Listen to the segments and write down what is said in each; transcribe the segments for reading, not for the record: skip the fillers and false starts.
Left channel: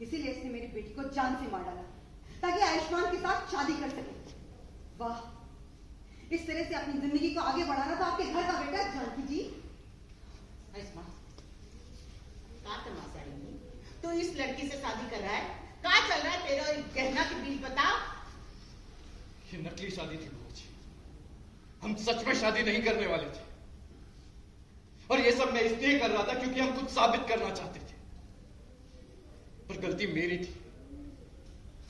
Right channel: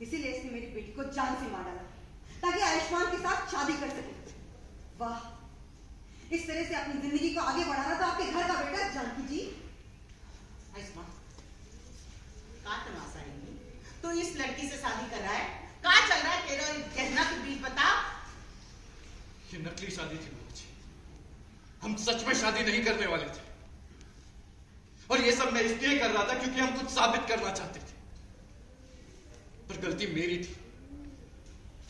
इसीलिए इसने मेरी बेटी को जान से मार डाला ताकि आयुष्मान के साथ शादी कर सके। वाह, इस तरह से अपनी जिंदगी को आगे बढ़ाना तो आपके घर का बेटा जानकी जी। आयुष्मान, कहाँ तमाशा है? तो इस लड़की से शादी कर रहा है? कहाँ चल रहा है तेरा गहना के बीच? बता। ये नकली शादी थी बुआ जी, हम सच में शादी नहीं करने वाले थे। और ये सब मैं इसलिए कर रहा था क्योंकि हम कुछ साबित करना चाहते थे। पर गलती मेरी थी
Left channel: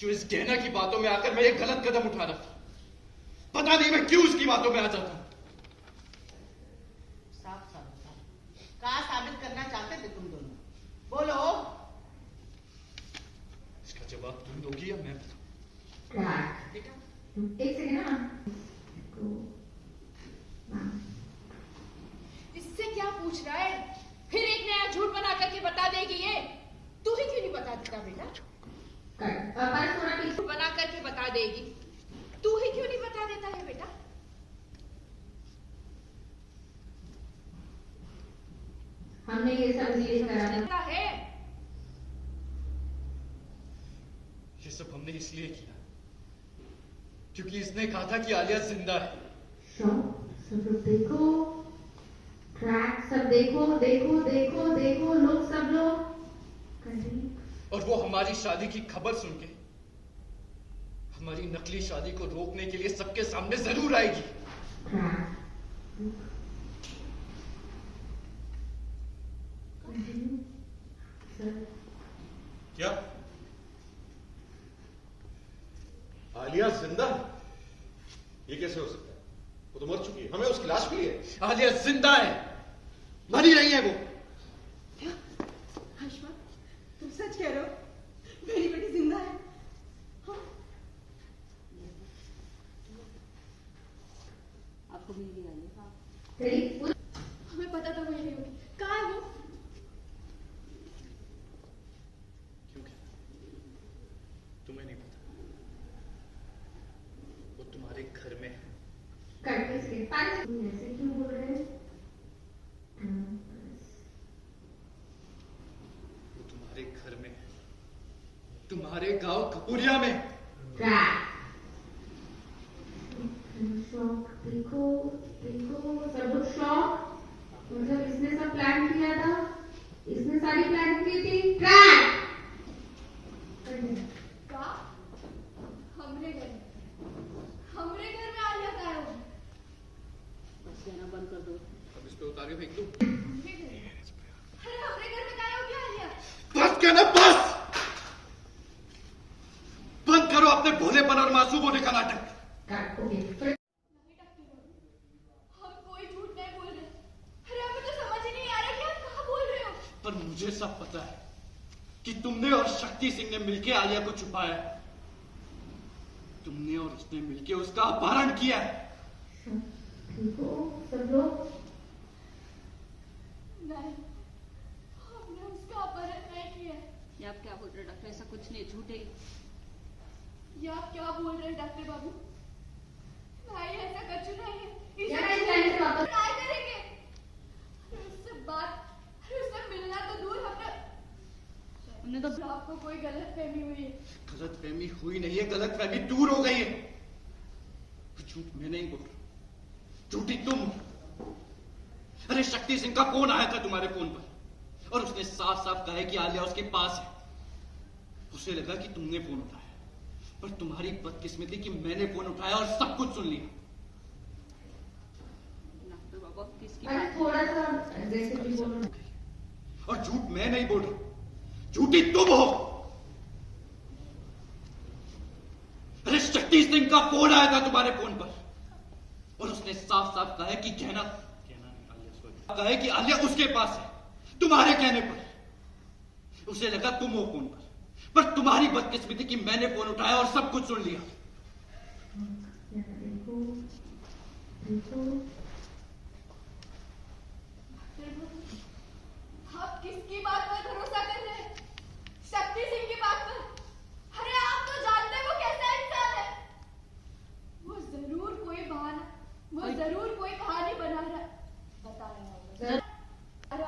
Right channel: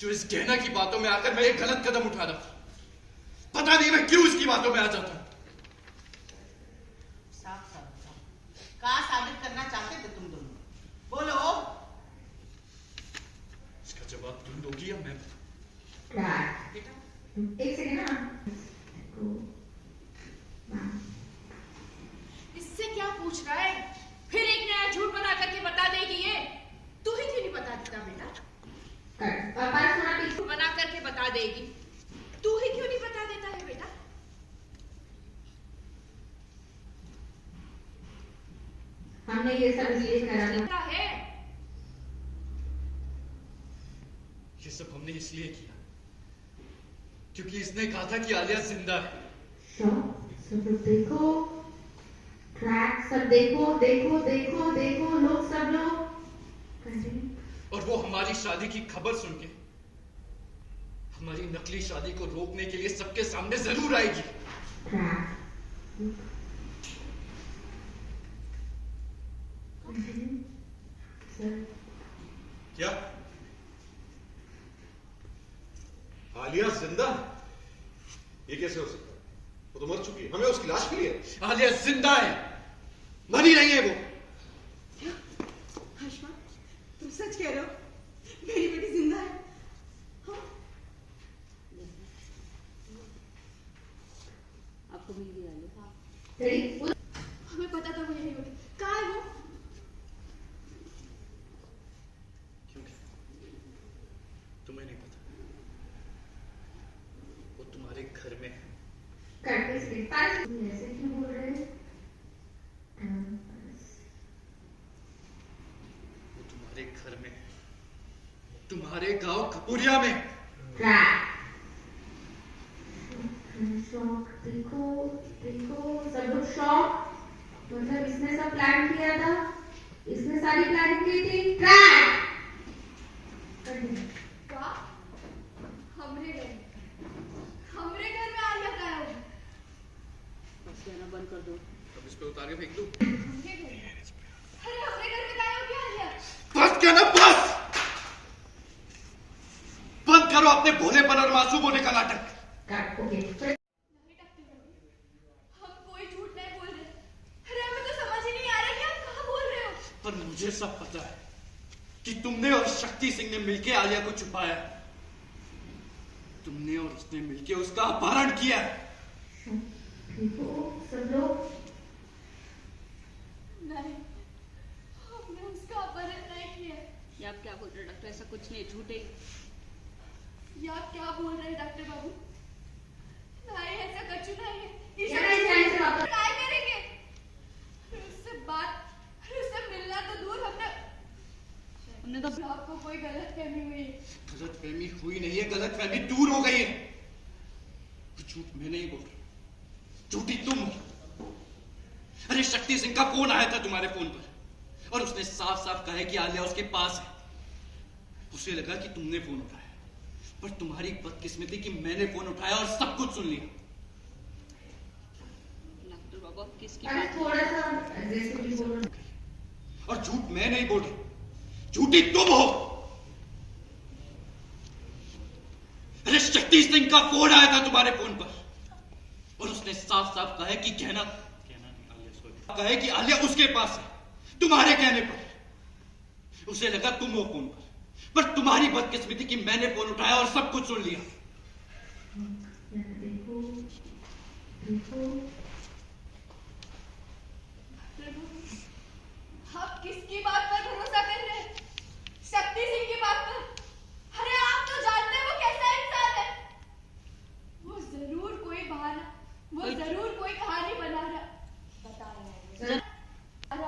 जो इस गहना की बातों में आकर मैं एक गलत कदम उठा रहा था। पता नहीं मैं क्यों इसकी बातों में आ जाता हूं। साफ साफ बताओ, कहाँ साबित करना चाहते थे तुम दोनों? बोलो। इसका जवाब तुम दोगी या मैं? बेटा एक सेकंड ना। इससे क्या पूछ रहा है? फिर एक नया झूठ बना करके बता देगी ये। तू ही क्यों नहीं बता देता बेटा? झूठ बना करके बता देगी, तू ही क्यों नहीं बता देता है बेटा? हमने ये सब इसलिए करा है। ये सब हमने इसलिए किया क्योंकि इसने कहा था कि आलिया जिंदा है। सब लोग देखो, ट्रैक सब देखो देखो देखो देखो, लोग सब लोग। और वो हमारी शादी की खबर सुन के हमारी नकली शादी को रोकने के लिए सबके सामने जरूर आएगी। क्या आलिया जिंदा है? ये कैसे हो सकता है? वो तो मर चुकी है, हमें उसकी लाश मिली है। आलिया जिंदा है, मरी नहीं है वो। क्या आयुष्मान, तुम सच कह रहे हो? मेरी बेटी जिंदा है? हाँ? आपको भी ये डालो। हमें पता था वो यही होगी। कहाँ है वो? तुम्हें नहीं पता? वो तुम्हारे घर में है। ऐसे क्यों बोल रहे हैं? वो तुम्हारे घर में है, तुम्हारे गांव कपूरिया में। शौक देखो देखो, सब लोग शौक। मतलब इसने सब प्लान किया था, इसने सारी प्लान की थी। ट्रैक हमरे घर में आलिया का है। कहना बंद कर दो। अब इस पे उतार के फेंक दूं? हमरे घर में? अरे हमरे घर में क्या हो गया आलिया? बस क्या ना, बस बंद करो अपने भोलेपन और मासूम होने का नाटक। हम कोई झूठ नहीं बोल रहे। अरे हमें तो समझ ही नहीं आ रहा कि आप कहाँ बोल रहे हो। पर मुझे सब पता है कि तुमने और शक्ति सिंह ने मिलकर आलिया को छुपाया है। तुमने और उसने मिलकर उसका अपहरण किया है। सब लोग। नहीं, हमने उसका अपहरण नहीं किया। ये आप क्या बोल रहे हैं डॉक्टर? ऐसा कुछ नहीं, झूठ है। ये आप क्या बोल रहे हैं डॉक्टर बाबू? नहीं, ऐसा कुछ नहीं है। ट्राई करेंगे। उससे बात, उससे मिलना तो दूर, हमने तो आपको कोई गलतफहमी हुई है। गलतफहमी हुई नहीं है, गलतफहमी दूर हो गई है। झूठ मैं नहीं बोल रहा, झूठी तुम। अरे शक्ति सिंह का फोन आया था तुम्हारे फोन पर और उसने साफ साफ कहा है कि आलिया उसके पास है। उसे लगा कि तुमने फोन उठाया, पर तुम्हारी बदकिस्मती कि मैंने फोन उठाया और सब कुछ सुन लिया। डॉक्टर बाबा किसकी थोड़ा सा जैसे भी बोलो। और झूठ मैं नहीं बोल रहा, झूठी तुम हो। अरे शक्ति सिंह का फोन आया था तुम्हारे फोन पर और उसने साफ साफ कहा है कि कहा है कि आलिया उसके पास है। तुम्हारे कहने पर उसे लगा तुम हो फोन पर तुम्हारी बदकिस्मती कि मैंने फोन उठाया और सब कुछ सुन लिया। देखो देखो, आप किसकी बात पर भरोसा कर रहे हैं? शक्ति सिंह की बात पर? अरे आप तो जानते हैं वो कैसा इंसान है। वो जरूर कोई बहाना, वो जरूर कोई कहानी बना रहा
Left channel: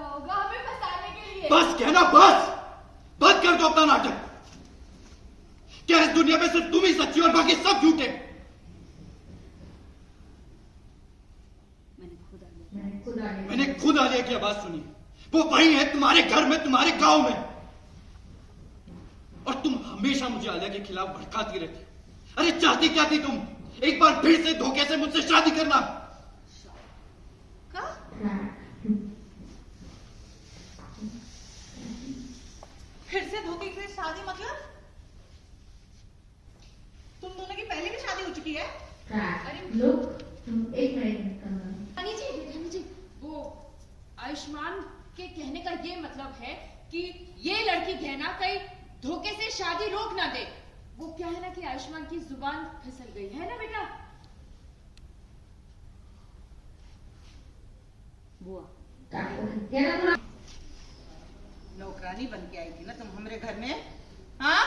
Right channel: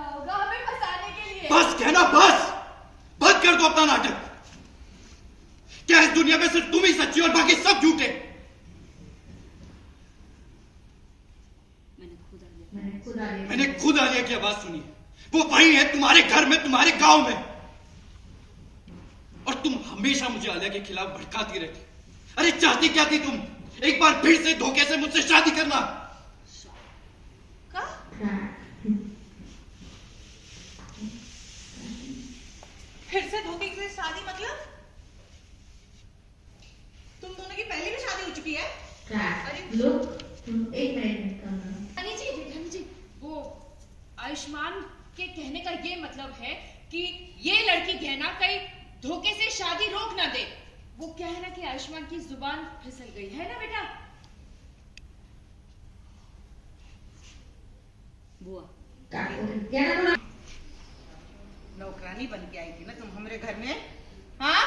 होगा हमें फंसाने के लिए। बस कहना, बस बंद कर दो अपना नाटक। क्या इस दुनिया में सिर्फ तुम ही सच्ची और बाकी सब झूठे? मैंने खुद आलिया की आवाज सुनी। वो वही है तुम्हारे घर में, तुम्हारे गांव में। और तुम हमेशा मुझे आलिया के खिलाफ भड़काती रहती। अरे चाहती क्या थी तुम? एक बार फिर से धोखे से मुझसे शादी करना। फिर से धोखे से शादी मतलब? तुम दोनों की पहले भी शादी हो चुकी है? अरे लोग एक मिनट रानी जी, वो आयुष्मान के कहने का ये मतलब है कि ये लड़की गहना कहीं धोखे से शादी रोक ना दे। वो क्या है ना कि आयुष्मान की जुबान फिसल गई है ना बेटा। बुआ नौकरानी बन के आई थी ना तुम हमरे घर में, हाँ?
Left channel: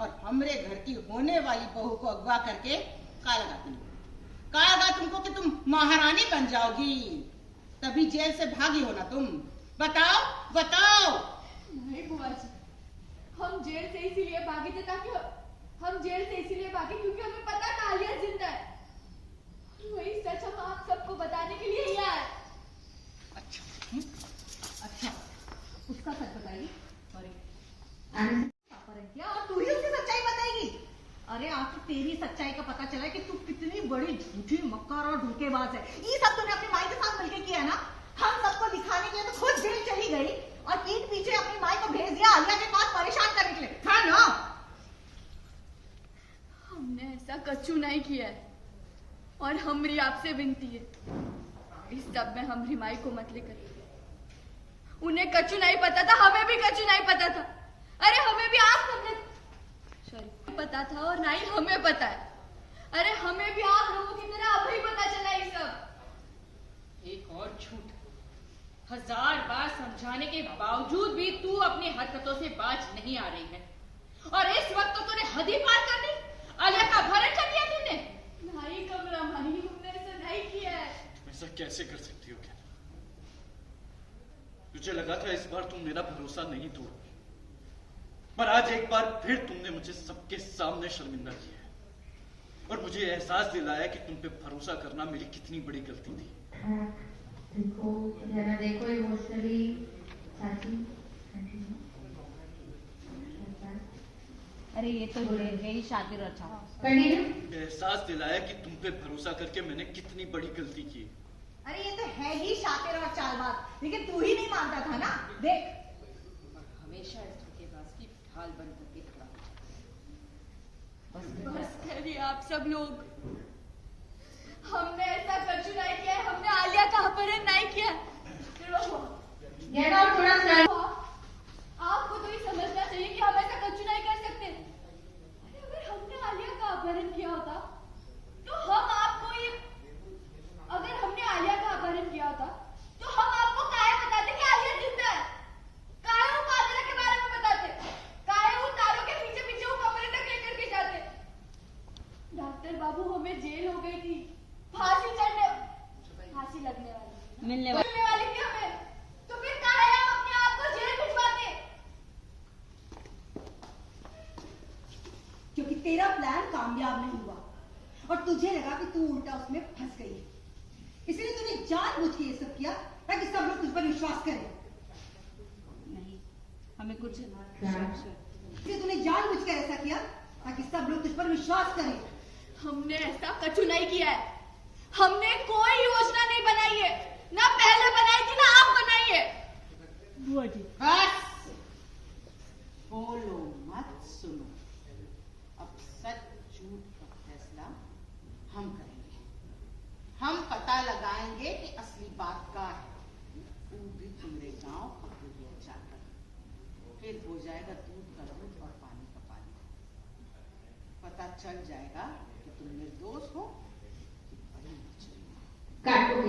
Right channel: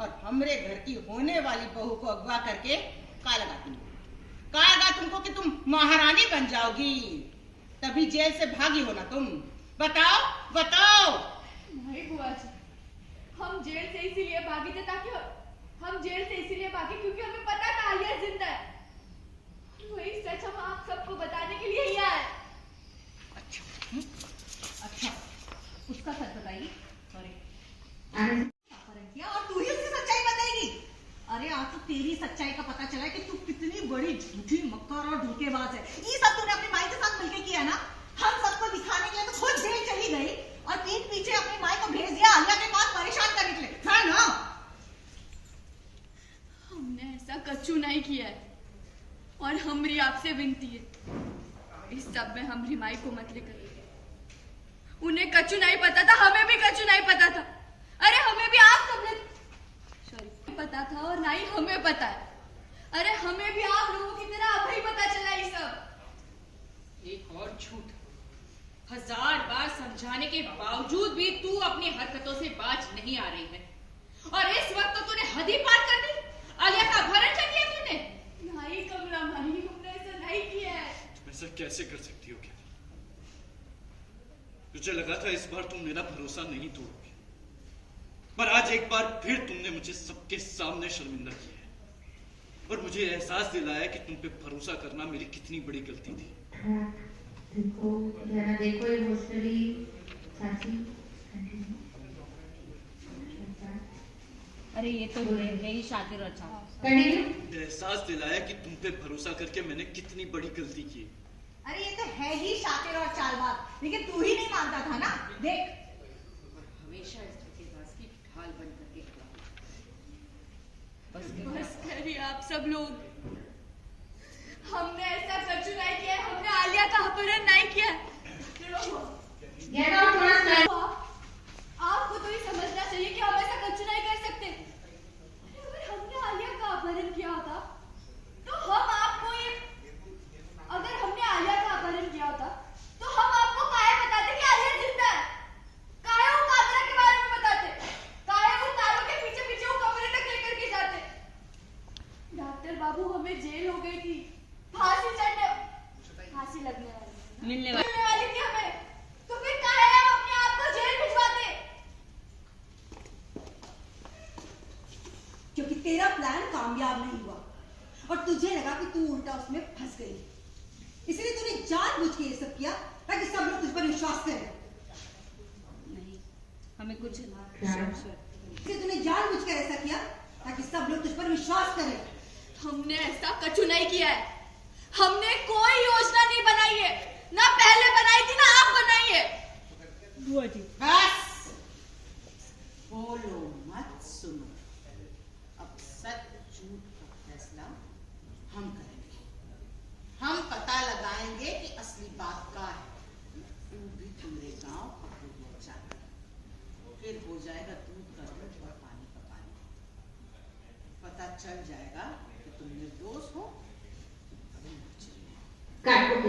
और हमरे घर की होने वाली बहू को अगवा करके कहा लगा तुमको कि तुम महारानी बन जाओगी, तभी जेल से भागी हो ना तुम। बताओ बताओ। नहीं बुआ जी, हम जेल से इसीलिए भागे थे ताकि हम जेल से इसीलिए भागे क्योंकि हमें पता था आलिया जिंदा है। वही सच हम आप सबको बताने के लिए ही आए। अच्छा, उसका सच बताइए। अपहरण किया और तू ही उसकी सच्चाई बताएगी? अरे आज तो तेरी सच्चाई का पता चला है कि तू कितनी बड़ी झूठी, मक्कार और धोखेबाज है। ये सब तूने अपनी माई के साथ मिलकर किया है ना? हम सबको दिखाने के लिए तो खुद जेल चली गई और पीठ पीछे अपनी माई को भेज दिया आलिया के पास परेशान करने के लिए, हाँ ना? हमने ऐसा कच्चू नहीं किया है और हमरी आपसे विनती है, इस सब में हमरी माई को मत लेकर। उन्हें कच्चू नहीं पता था, हमें भी कच्चू नहीं पता था। अरे हमें भी आप सबने पता था और ना ही हमें पता है। अरे हमें भी आप लोगों की तरह अभी पता चला ये सब। एक और झूठ, 1000 बार समझाने के बावजूद भी तू अपनी हरकतों से बाज नहीं आ रही है। और इस वक्त तो तूने हद ही पार कर दी। आलिया का अपहरण कर लिया तूने। नहीं कमला मानी, हमने ऐसा नहीं किया है। तुम ऐसा कैसे कर सकती हो? क्या मुझे लगा था इस बार तुम मेरा भरोसा नहीं तोड़ोगे, पर आज एक बार फिर तुमने मुझे सबके सामने शर्मिंदा किया है और मुझे एहसास दिलाया कि तुम पे भरोसा करना मेरी कितनी बड़ी गलती थी। देखो इमोशनली चाची। अरे ये तो है ही शातिर अच्छा। एहसास दिलाया कि तुम पे भरोसा करके मैंने कितनी बड़ी गलती की है। अरे ये तो है ही शातिर और चालबाज, लेकिन तू ही नहीं मानता था ना। देख, और हमेशा इस धोखेबाज की ढाल बन करके खड़ा हो। बस करिए आप सब लोग, हमने ऐसा कच्चू नहीं किया है, हमने आलिया का अपहरण नहीं किया है। आपको तो ये समझना चाहिए कि हम ऐसा कच्चू नहीं कर सकते। अगर हमने आलिया का अपहरण किया होता तो हम आपको ये, अगर हमने आलिया का अपहरण किया होता तो हम आपको काहे बताते कि आलिया जिंदा है? काहे वो कातरा के बारे में बताते? काहे वो तारों के पीछे पीछे वो कमरे तक लेकर के जाते? डॉक्टर बाबू, हमें जेल हो गई थी, फांसी लगने वाली, मिलने वाली थी हमें, तो फिर काहे हम अपने आप को जेल भिजवाते? क्योंकि तेरा प्लान कामयाब नहीं हुआ और तुझे लगा कि तू उल्टा उसमें फंस गई, इसलिए तूने जानबूझ के ये सब किया ताकि सब लोग तुझ पर विश्वास करें। नहीं, हमें कुछ इसलिए तूने जानबूझ कर ऐसा किया ताकि सब लोग तुझ पर विश्वास करें। हमने ऐसा कछु नहीं किया है, हमने कोई योजना नहीं बनाई है, ना पहले बनाई थी ना आप बनाई है। बुआ जी बस बोलो मत, सुनो। अब सच झूठ का फैसला हम करेंगे। हम पता लगाएंगे कि असली बात क्या है। वो भी तुम्हारे गांव पकड़ लिया जाकर, फिर हो जाएगा दूध का दूध और पानी का पानी। पता चल जाएगा कि तुम निर्दोष हो। काट को